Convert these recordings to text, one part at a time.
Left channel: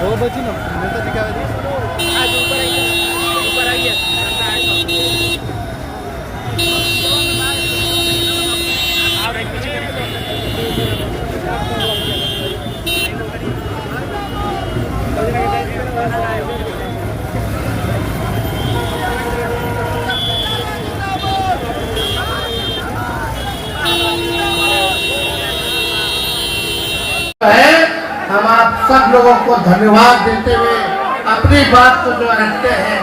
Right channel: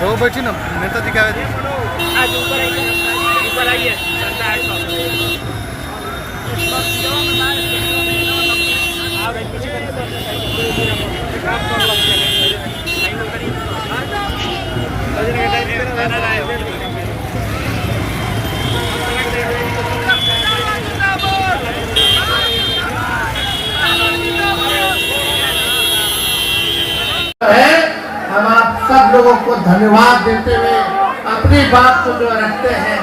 वो बैठी ना नेता जी क्या हम आप सब लोगों को धन्यवाद देते हुए अपनी बात को जो रखते हैं।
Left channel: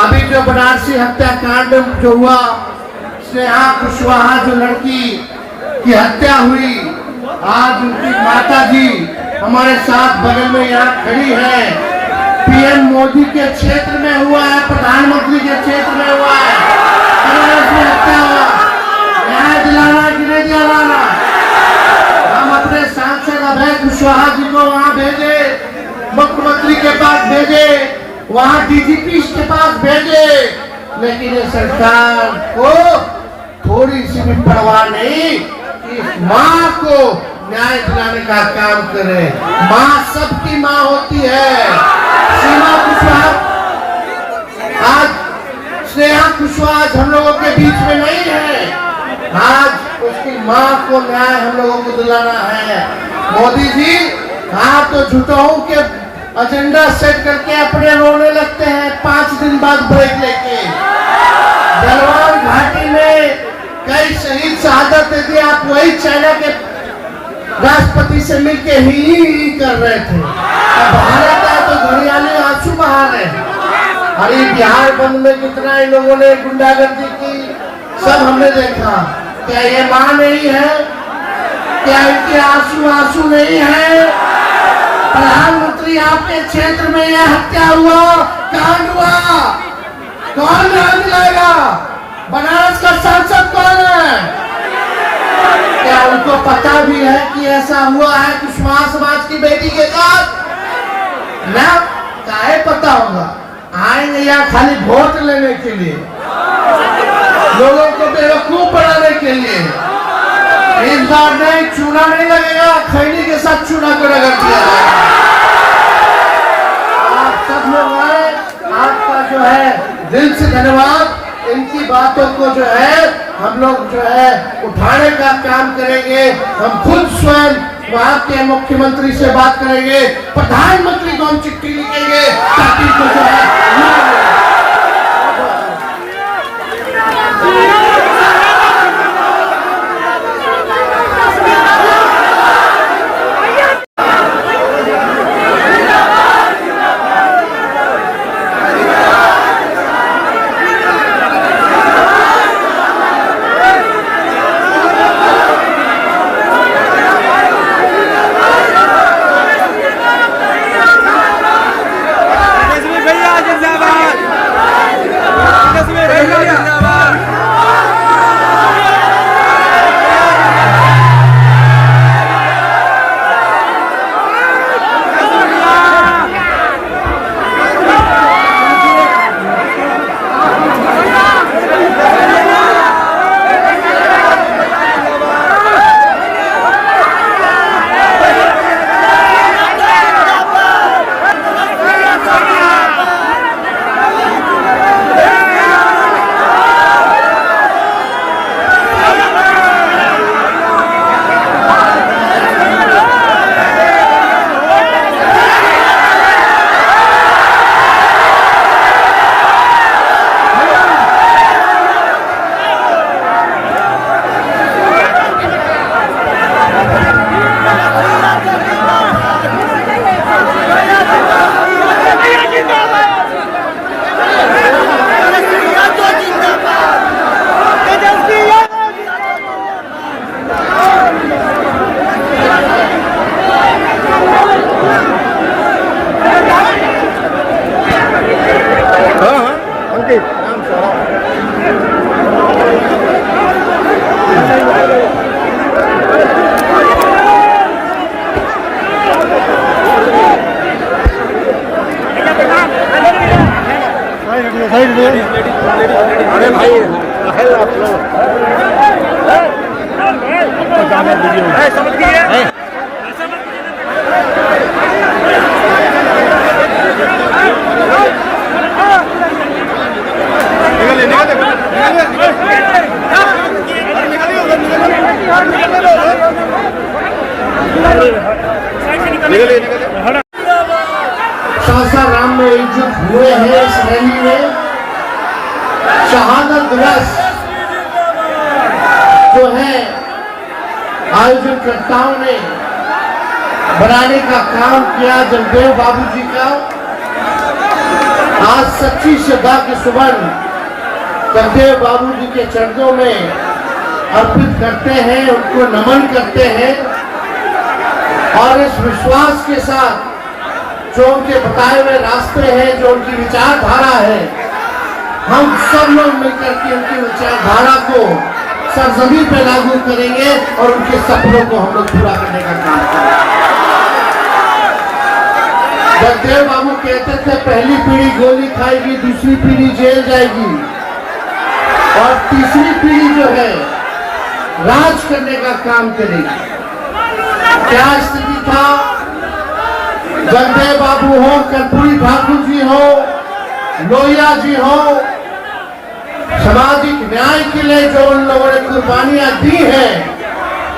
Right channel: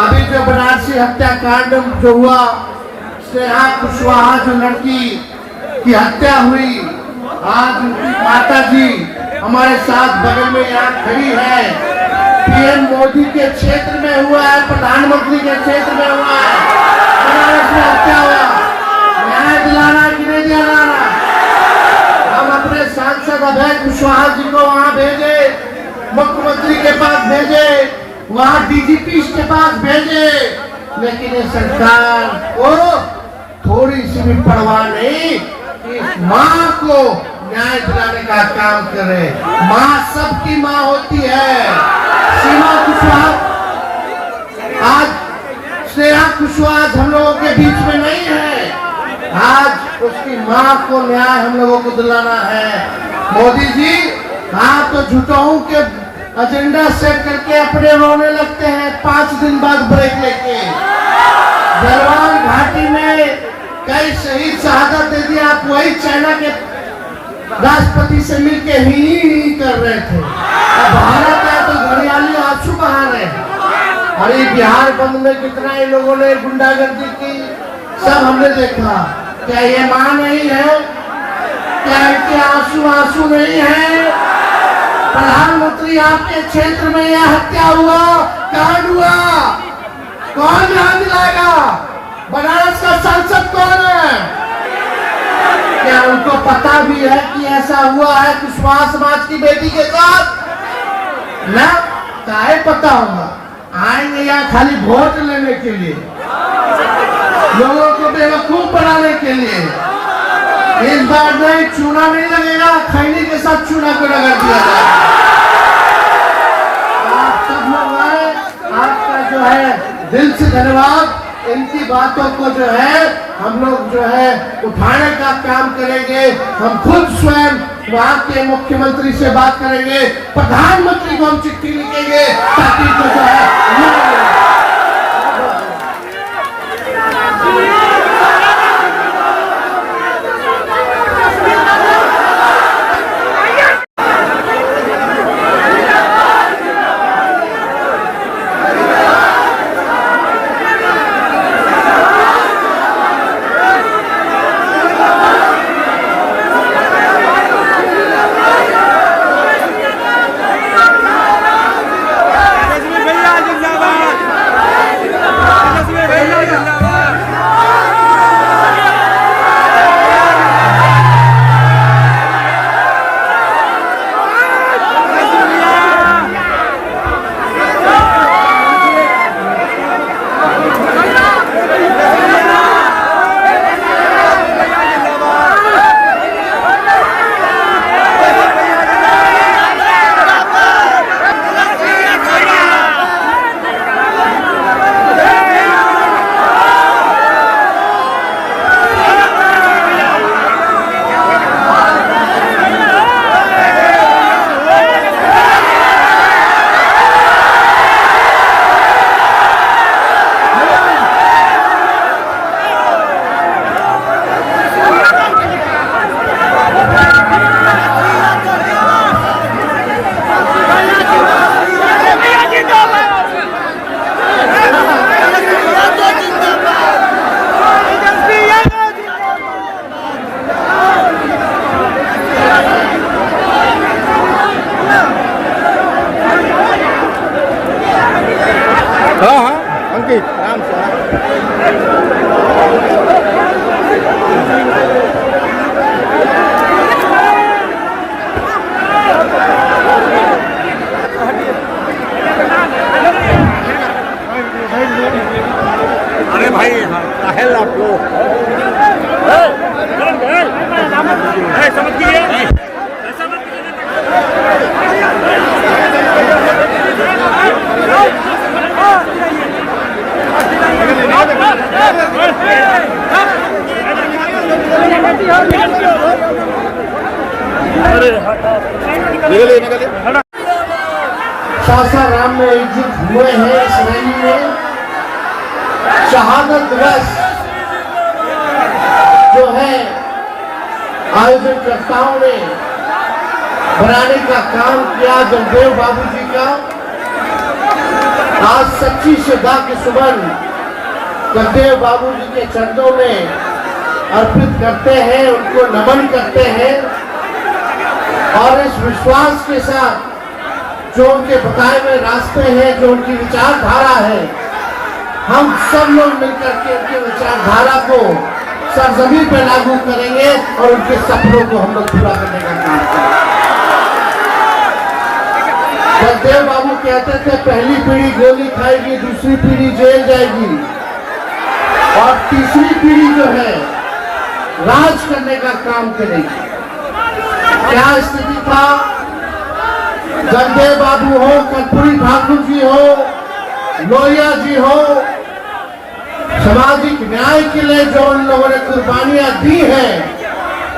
अभी जो बनारसी हत्याकांड जो हुआ, स्नेहा कुशवाहा जो लड़की की हत्या हुई, आज उनकी माता जी हमारे साथ बगल में यहाँ खड़ी है। पीएम मोदी के क्षेत्र में हुआ है, प्रधानमंत्री के क्षेत्र में हुआ है, उसमें हत्या हुआ, न्याय दिलाना कि नहीं दिलाना। हम अपने सांसद अभय कुशवाहा जी को वहाँ भेजे, मुख्यमंत्री के पास भेजे, वहाँ डीजीपी के पास भेजे, लेकिन ये सरकार को थोड़ी सी भी परवाह नहीं कि इस माँ को न्याय दिलाने का काम करे। माँ सबकी माँ होती है। सीमा कुशवाहा, आज स्नेहा कुशवाहा हम लोगों के बीच में नहीं है। आज उसकी माँ को न्याय हम लोगों को दिलाना है। मोदी जी हाँ तो झूठों के एजेंडा सेट करके अपने रोने लगते हैं 5 दिन बाद ब्रेक लेके। गलवान घाटी में कई शहीद शहादत दे दी, आप वही चाइना के राष्ट्रपति से मिलके ही कर रहे थे। अब भारत है तो घड़ियाली आंसू बहा रहे हैं। और ये बिहार बंद में कितना इन लोगों ने गुंडागर्दी की, सब हमने देखा। क्या ये मां नहीं है? क्या इनके आंसू आंसू नहीं है? प्रधानमंत्री आपके क्षेत्र में यह हत्या हुआ, कांड हुआ, कौन न्याय दिलाएगा? बनारस का सांसद कौन है? क्या उनको पता भी है कि ऐसा हुआ है कुशवाहा समाज की बेटी के साथ? ना काहे पता होगा। आएंगे यहाँ खाली वोट लेने के लिए, लोगों को बेवकूफ बनाने के लिए। इस बार नहीं, चूना नहीं लगेगा, खैनी के साथ चूना को रगड़ दिया जाएगा। आप सब लोग आए, आपका जो है दिल से धन्यवाद। इनकी बातों को जो है हम लोग जो है उठाने का काम करेंगे। हम खुद स्वयं वहाँ के मुख्यमंत्री से बात करेंगे, प्रधानमंत्री को हम चिट्ठी लिखेंगे ताकि जो है अंकित राम से अरे भाई समझ गए सासाराम में एकजुट हुए हैं इस रैली में। शहादत दिवस जो है आयोजनकर्ताओं ने बनाने का काम किया जगदेव बाबू जी का। आज सच्ची श्रद्धा के सुमन जगदेव बाबू जी के चरणों में अर्पित करते हैं, उनको नमन करते हैं और इस विश्वास के साथ जो उनके बताए हुए रास्ते हैं, जो उनकी विचारधारा है, हम सब लोग मिलकर के उनकी विचारधारा को सरजमीन पे लागू करेंगे और उनके सपनों को हम लोग पूरा करने का काम करेंगे। जगदेव बाबू कहते थे पहली पीढ़ी गोली खाएगी, दूसरी पीढ़ी जेल जाएगी और तीसरी पीढ़ी जो है राज करने का काम करेगी। क्या स्थिति था? जगदेव बाबू हो, कर्पूरी ठाकुर जी हो, लोहिया जी हो, सामाजिक न्याय के लिए जो उन लोगों ने कुर्बानियां दी हैं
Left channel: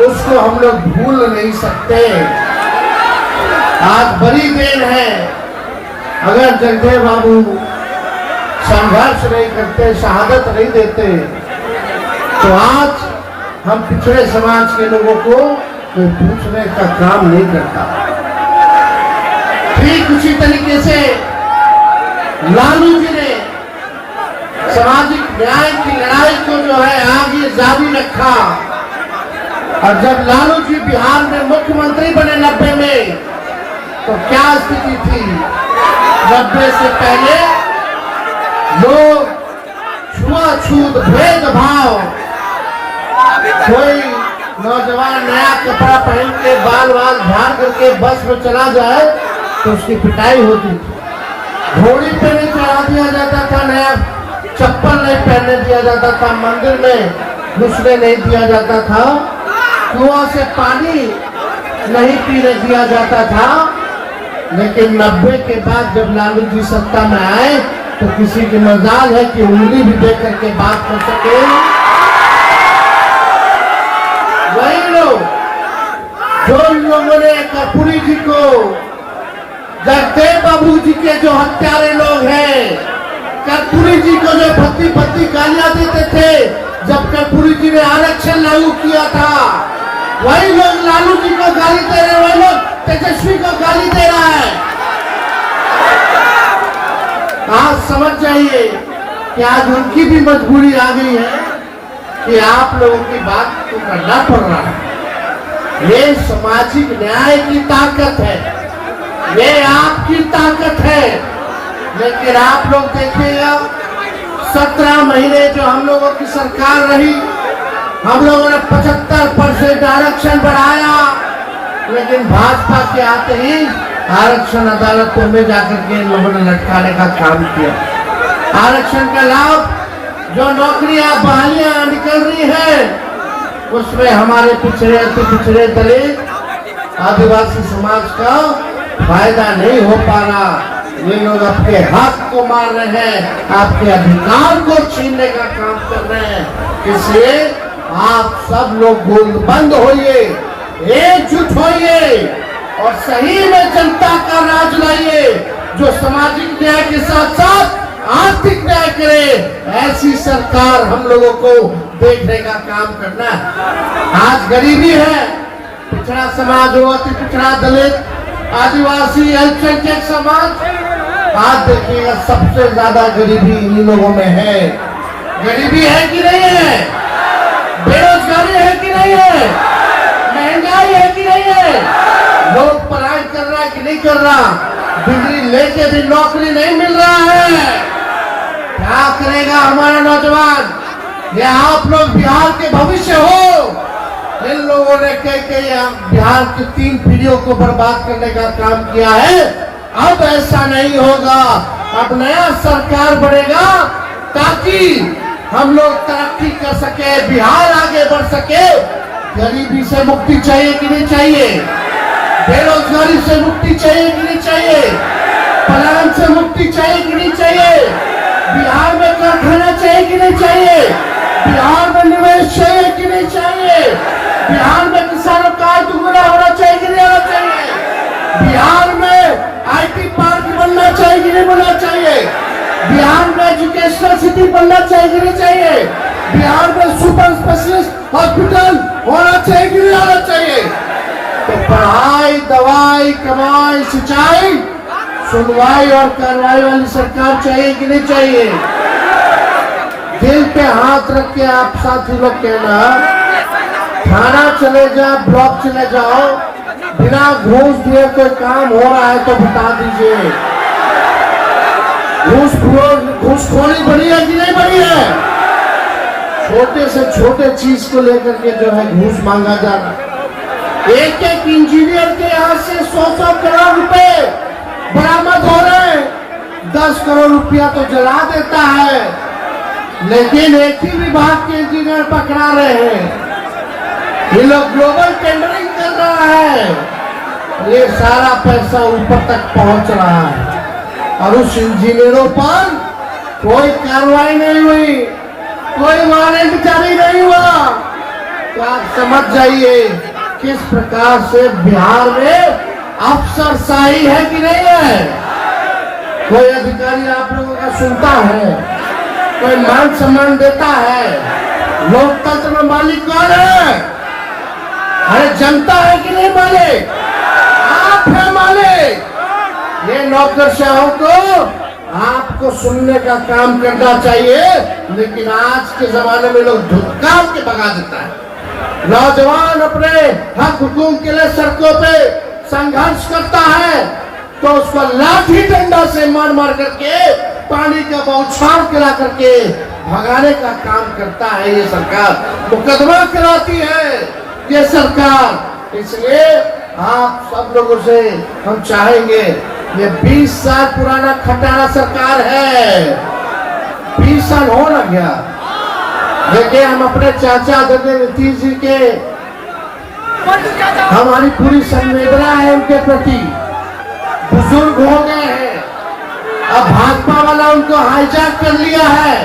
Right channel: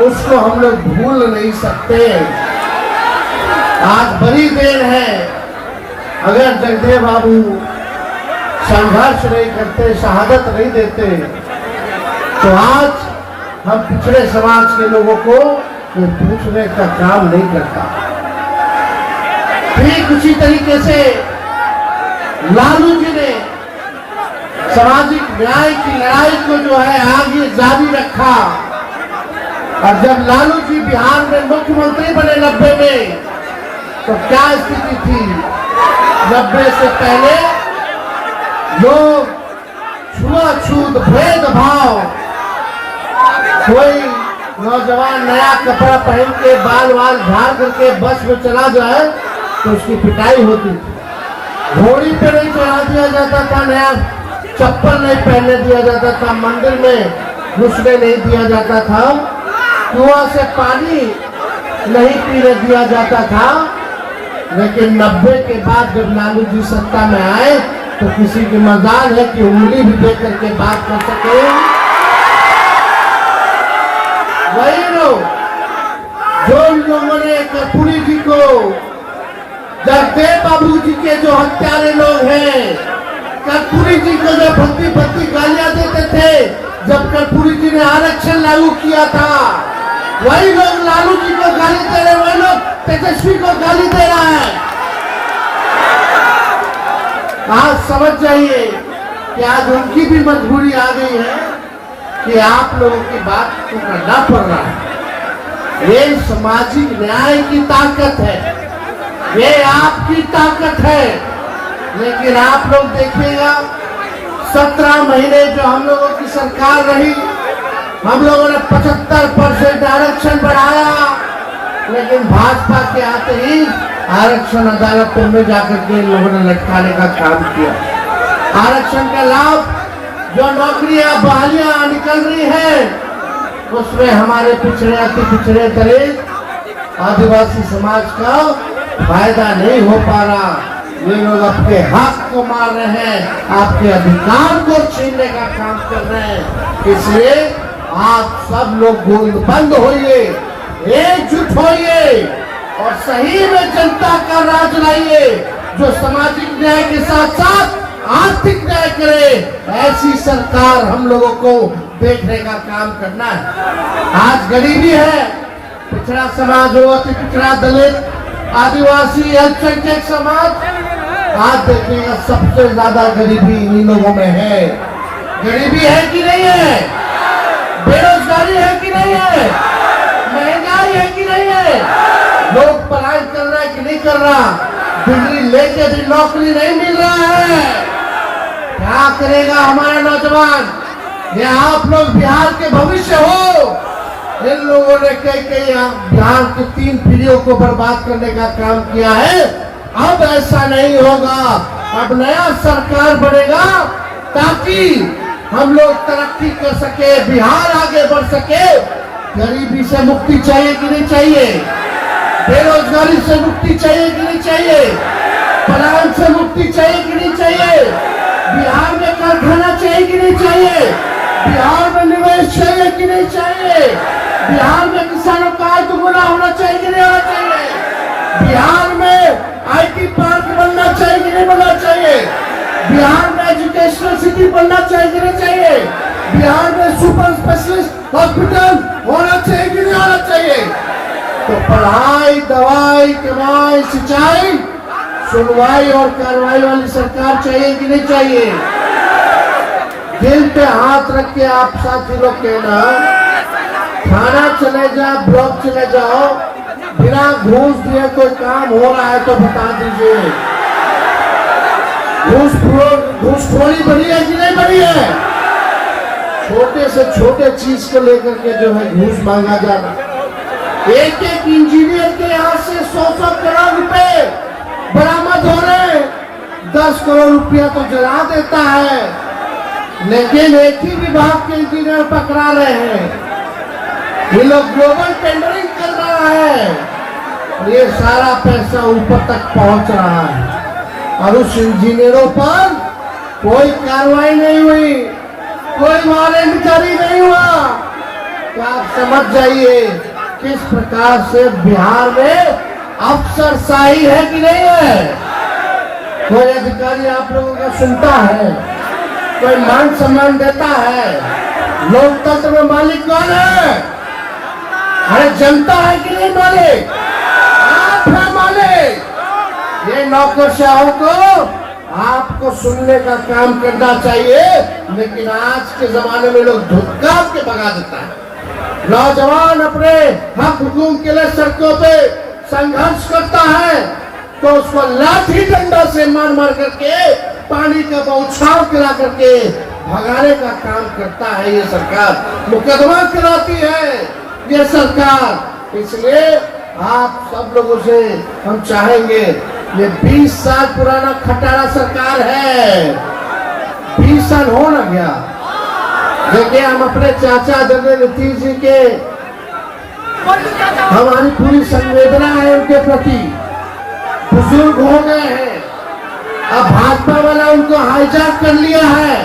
उसको हम लोग भूल नहीं सकते। आज बड़ी देर है, अगर जगदेव बाबू संघर्ष नहीं करते, शहादत नहीं देते तो आज हम पिछड़े समाज के लोगों को कोई पूछने का काम नहीं करता। ठीक उसी तरीके से लालू जी ने सामाजिक न्याय की लड़ाई को जो है आगे जारी रखा और जब लालू जी बिहार में मुख्यमंत्री बने 90 में तो क्या स्थिति थी? 90 से पहले लोग छुआछूत भेदभाव, कोई नौजवान नया कपड़ा पहन के बाल वाल झाड़ करके बस में चला जाए तो उसकी पिटाई होती थी। घोड़ी पे नहीं चढ़ा दिया जाता था, नया चप्पल नहीं पहनने दिया जाता था, मंदिर में घुसने नहीं दिया जाता था, कुआं से पानी नहीं पीने दिया जाता था। लेकिन 90 के बाद जब लालू जी सत्ता में आए तो किसी की मजाल है कि उंगली भी दे करके बात कर सके। वही लोग जो लोगों ने कर्पूरी जी को, जगदेव बाबू जी के जो हत्यारे लोग हैं, कर्पूरी जी को जो भद्दी भद्दी गालियां देते थे जब कर्पूरी जी ने आरक्षण लागू किया था, वही लोग लालू जी को गाली दे रहे, वही लोग तेजस्वी को गाली दे रहा है। आज समझ जाइए कि आज उनकी भी मजबूरी आ गई है कि आप लोगों की बात को करना पड़ रहा है। ये सामाजिक न्याय की ताकत है, ये आपकी ताकत है। लेकिन आप लोग देखिएगा 17 महीने जो हम लोगों की सरकार रही, हम लोगों ने 75% आरक्षण बढ़ाया, लेकिन भाजपा के आते ही आरक्षण अदालतों में जाकर के इन लोगों ने लटकाने का काम किया। आरक्षण का लाभ जो नौकरियां बहालियां निकल रही है उसमें हमारे पिछड़े अति पिछड़े दलित आदिवासी समाज का फायदा नहीं हो पा रहा। ये लोग आपके हक को मार रहे हैं, आपके अधिकार को छीनने का काम कर रहे हैं। इसलिए आप सब लोग गोलबंद होइए, एकजुट होइए और सही में जनता का राज लाइए, जो सामाजिक न्याय के साथ साथ आर्थिक न्याय करे। ऐसी सरकार हम लोगों को देखने का काम करना है। आज गरीबी है, पिछड़ा समाज हो, अति पिछड़ा दलित आदिवासी अल्पसंख्यक समाज, आज देखिएगा सबसे ज्यादा गरीबी इन्हीं लोगों में है। गरीबी है कि नहीं है? बेरोजगारी है कि नहीं है? महंगाई है कि नहीं है? लोग पढ़ाई कर रहा है कि नहीं कर रहा? डिग्री लेके भी नौकरी नहीं मिल रहा है। क्या करेगा हमारा नौजवान? ये आप लोग बिहार के भविष्य हो। इन लोगों ने कई बिहार की 3 पीढ़ियों को बर्बाद करने का काम किया है। अब ऐसा नहीं होगा। अब नया सरकार बनेगा ताकि हम लोग तरक्की कर सके, बिहार आगे बढ़ सके। गरीबी से मुक्ति चाहिए कि नहीं चाहिए? बेरोजगारी से मुक्ति चाहिए कि नहीं चाहिए? पलायन से मुक्ति चाहिए कि नहीं चाहिए? बिहार में कारखाना चाहिए कि नहीं चाहिए? बिहार में निवेश चाहिए कि नहीं चाहिए? बिहार में किसानों का आय दुगुना होना चाहिए कि नहीं होना चाहिए? बिहार में आईटी पार्क बनना चाहिए कि नहीं बनना चाहिए? बिहार में एजुकेशनल सिटी बनना चाहिए कि नहीं चाहिए? बिहार में सुपर स्पेशलिस्ट हॉस्पिटल होना चाहिए कि नहीं होना चाहिए? तो पढ़ाई, दवाई, कमाई, सिंचाई, सुनवाई और कार्रवाई वाली सरकार चाहिए कि नहीं चाहिए? दिल पे हाथ रख के आप साथी लोग कहना, थाना चले जाओ, ब्लॉक चले जाओ, बिना घूस दिए कोई काम हो रहा है तो बता दीजिए। घूसखोरी बढ़ी है कि नहीं बढ़ी है? छोटे से छोटे चीज को लेकर के जो है घूस मांगा जा रहा है। एक एक इंजीनियर के यहाँ से 100-100 करोड़ रुपए बरामद हो रहे हैं। 10 करोड़ रुपया तो जला देता है, लेकिन एक ही विभाग के इंजीनियर पकड़ा रहे हैं। ये लोग ग्लोबल टेंडरिंग कर रहा है। ये सारा पैसा ऊपर तक पहुंच रहा है और उस इंजीनियरों पर कोई कार्रवाई नहीं हुई, कोई वारंट जारी नहीं हुआ। तो आप समझ जाइए किस प्रकार से बिहार में अफसरशाही है कि नहीं है। कोई अधिकारी आप लोगों का सुनता है? कोई मान सम्मान देता है? लोकतंत्र में मालिक कौन है? अरे जनता है कि नहीं मालिक? आप है मालिक। ये नौकरशाहों को आपको सुनने का काम करना चाहिए, लेकिन आज के जमाने में लोग धुतकार के भगा देता है। नौजवान अपने हक हुकूक के लिए सड़कों पे संघर्ष करता है तो उसको लाठी डंडा से मार मार करके, पानी का बौछार गिरा करके भगाने का काम करता है ये सरकार। मुकदमा कराती है ये सरकार। इसलिए आप सब लोगों से हम चाहेंगे, ये 20 साल पुराना खटारा सरकार है, 20 साल हो न गया। देखिए हम अपने चाचा आदरणीय नीतीश जी के, हमारी पूरी संवेदना है उनके प्रति। बुजुर्ग हो गए हैं, अब भाजपा वाला उनको हाईजैक कर लिया है।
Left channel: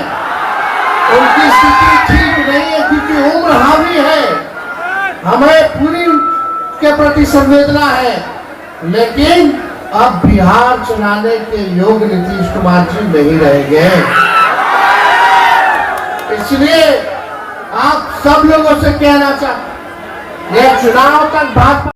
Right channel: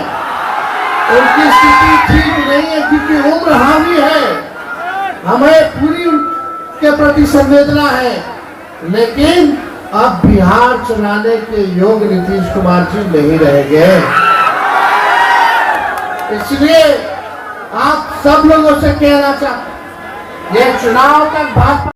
उनकी स्थिति ठीक नहीं है क्योंकि उम्र हावी है। हमें पूरी के प्रति संवेदना है, लेकिन अब बिहार चलाने के योग नीतीश कुमार जी नहीं रहेंगे। इसलिए आप सब लोगों से कहना चाहते, ये चुनाव तक भाजपा